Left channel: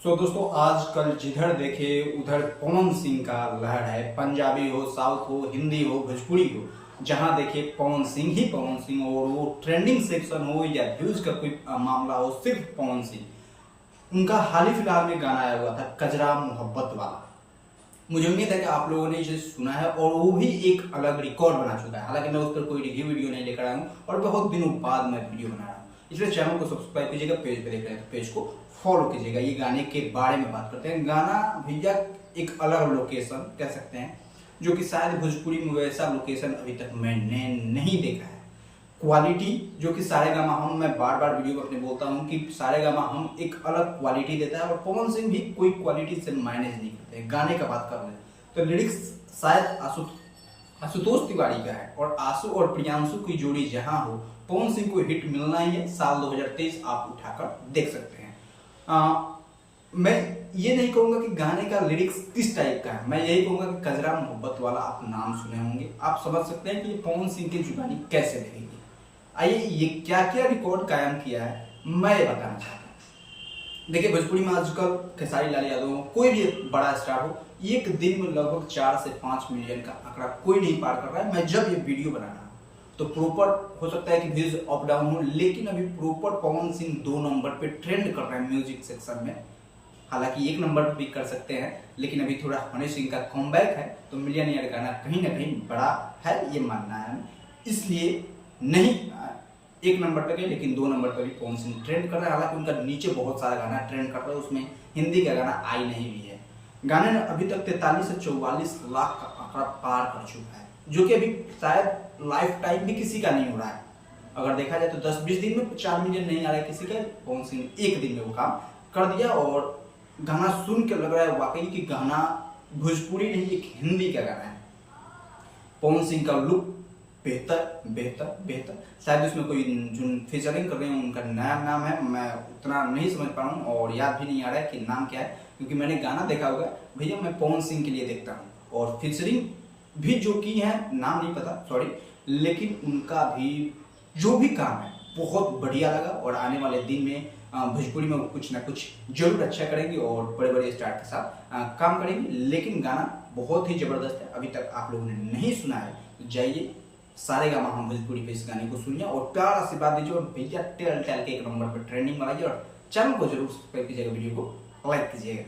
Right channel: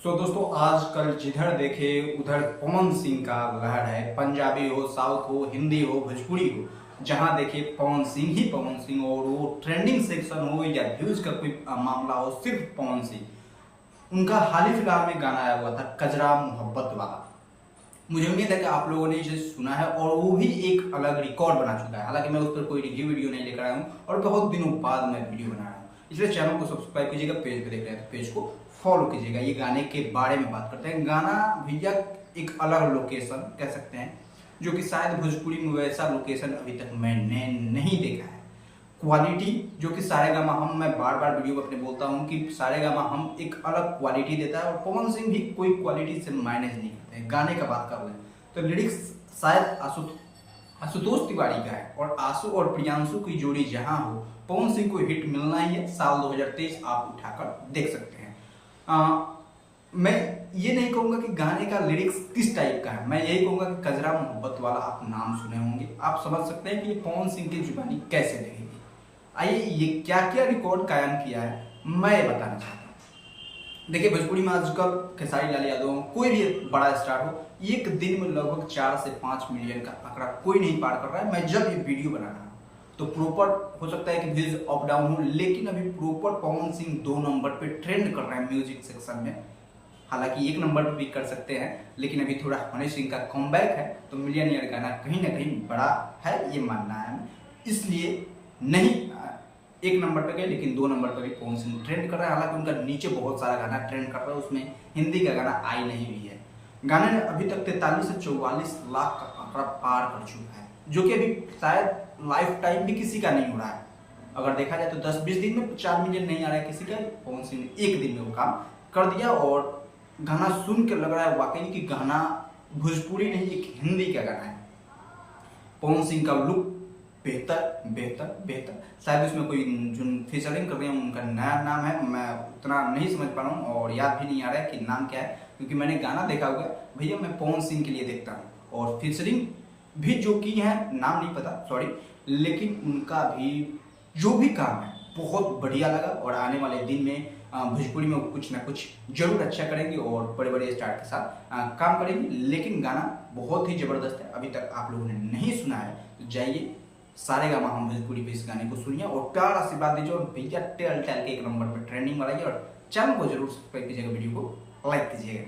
दोस्तों आजकल जिधर देखे उधर पवन सिंह का लहर है। पंजाबी हो, साउथ हो, हिंदी हो, भोजपुरी हो, जहां देखे पवन सिंह ही पवन सिंह। और वो ट्रेंडिंग सेक्शन हो या व्यूज का कोई मामला हो, सिर्फ पवन सिंह। उनका हाल ही फिलहाल में गाना आया हुआ था कजरा मोहब्बत वाला। मुझे उम्मीद है कि आप लोगों ने इसे सुना है और वो भी एक अलग रिकॉर्ड बना चुका है। हालांकि मैं उस पर कोई रिव्यू वीडियो नहीं लेकर आया हूँ और बहुत दिनों बाद मैं वीडियो बना रहा हूँ, इसलिए चैनल को सब्सक्राइब कीजिएगा। पेज पे देख रहे हैं तो पेज को फॉलो कीजिएगा। ये गाने के बारे में बात करते हैं। गाना भैया एक अलग लोकेशन कह सकते हैं, जो कि शायद भोजपुरी में वैसा लोकेशन अभी तक मैंने नहीं देखा है। क्वालिटी जो कि सारेगामा हम, मैं बार बार वीडियो में अपने बोलता हूँ कि सारेगामा हम एक अलग क्वालिटी देता है और पवन सिंह भी कोई क्वालिटी से मैनेज नहीं करते। गाने का बात कर लें तो लिरिक्स शायद आशुतोष तिवारी का है और आशु और प्रियांशु की जोड़ी जहां हो, पवन सिंह को हिट मिलना ही है। साल 2023 आप उठाकर देख सकते हैं। मैं ये नहीं कहूंगा कि गाने का लिरिक्स किस टाइप का है, मैं यही कहूंगा कि कजरा मोहब्बत वाला आप नाम सुने होंगे, आप समझ सकते हैं कि ये पवन सिंह की जुबानी कैसे लगेगी। आइए ये क्या क्या रिकॉर्ड कायम किया है मैं ये बताना चाहता हूँ। देखिए भोजपुरी में आजकल खेसारी लाल यादव, कोई भी बड़ा स्टार हो, एक दिन में लगभग 4 से 5 मिलियन का आंकड़ा कोई नहीं पार कर रहा है। मैं जब ये वीडियो बना रहा हूँ तो प्रॉपर हो सकता है कि व्यूज अप डाउन हो, लेकिन अभी प्रॉपर पवन सिंह 2 नंबर पे ट्रेंड कर रहे हैं म्यूजिक सेक्शन में। हालांकि 1 नंबर पे भी कर सकते हैं, लेकिन अभी थोड़ा हनी सिंह का कमबैक है तो मिलियनियर गाना कहीं ना कहीं बड़ा है, ये मानना है हमें। इसलिए नहीं 1 नंबर पे गए, लेकिन 2 नंबर पर भी पवन सिंह ट्रेंड कर रहा है। हालांकि उनका नीचे बहुत सारा गाना ट्रेंड कर रहा है, उसमें हिंदी का गाना आई नहीं भी है। गाने ने अभी तक 43 से 44 लाख का आंकड़ा पार कर चुका है, जो कि अभी शायद लाइफ टाइम भी किसी का नहीं हो रहा है। अगर देखा जाए तो 10-20 दिन में 4 मिलियन नहीं आ रहा है किसी का। पवन सिंह ने 1 दिन में वो काम कर दिया और गाना सुन के लग रहा है वाकई कि गाना भोजपुरी नहीं, एक हिंदी का गाना है। पवन सिंह का लुक बेहतर बेहतर बेहतर। शायद इसमें कोई जो फीचरिंग कर रहे हैं उनका नया नाम है, मैं उतना नहीं समझ पा रहा हूँ और याद भी नहीं आ रहा है कि नाम क्या है, क्योंकि मैंने गाना देखा हुआ है। भैया मैं पवन सिंह के लिए देखता हूँ और फीचरिंग भी जो की है नाम नहीं पता, सॉरी, लेकिन उनका भी जो भी काम है बहुत बढ़िया लगा। और आने वाले दिन में भोजपुरी में कुछ ना कुछ जरूर अच्छा करेंगे और बड़े बड़े स्टार के साथ काम करेंगे। लेकिन गाना बहुत ही जबरदस्त है, अभी तक आप लोगों ने नहीं सुना है तो जाइए सारेगामा हम भोजपुरी पे इस गाने को सुनिए और प्यार आशीर्वाद दीजिए और भैया टेल के 1 नंबर पर ट्रेंडिंग बनाइए और चैनल को जरूर सब्सक्राइब कीजिएगा, वीडियो को लाइक कीजिएगा।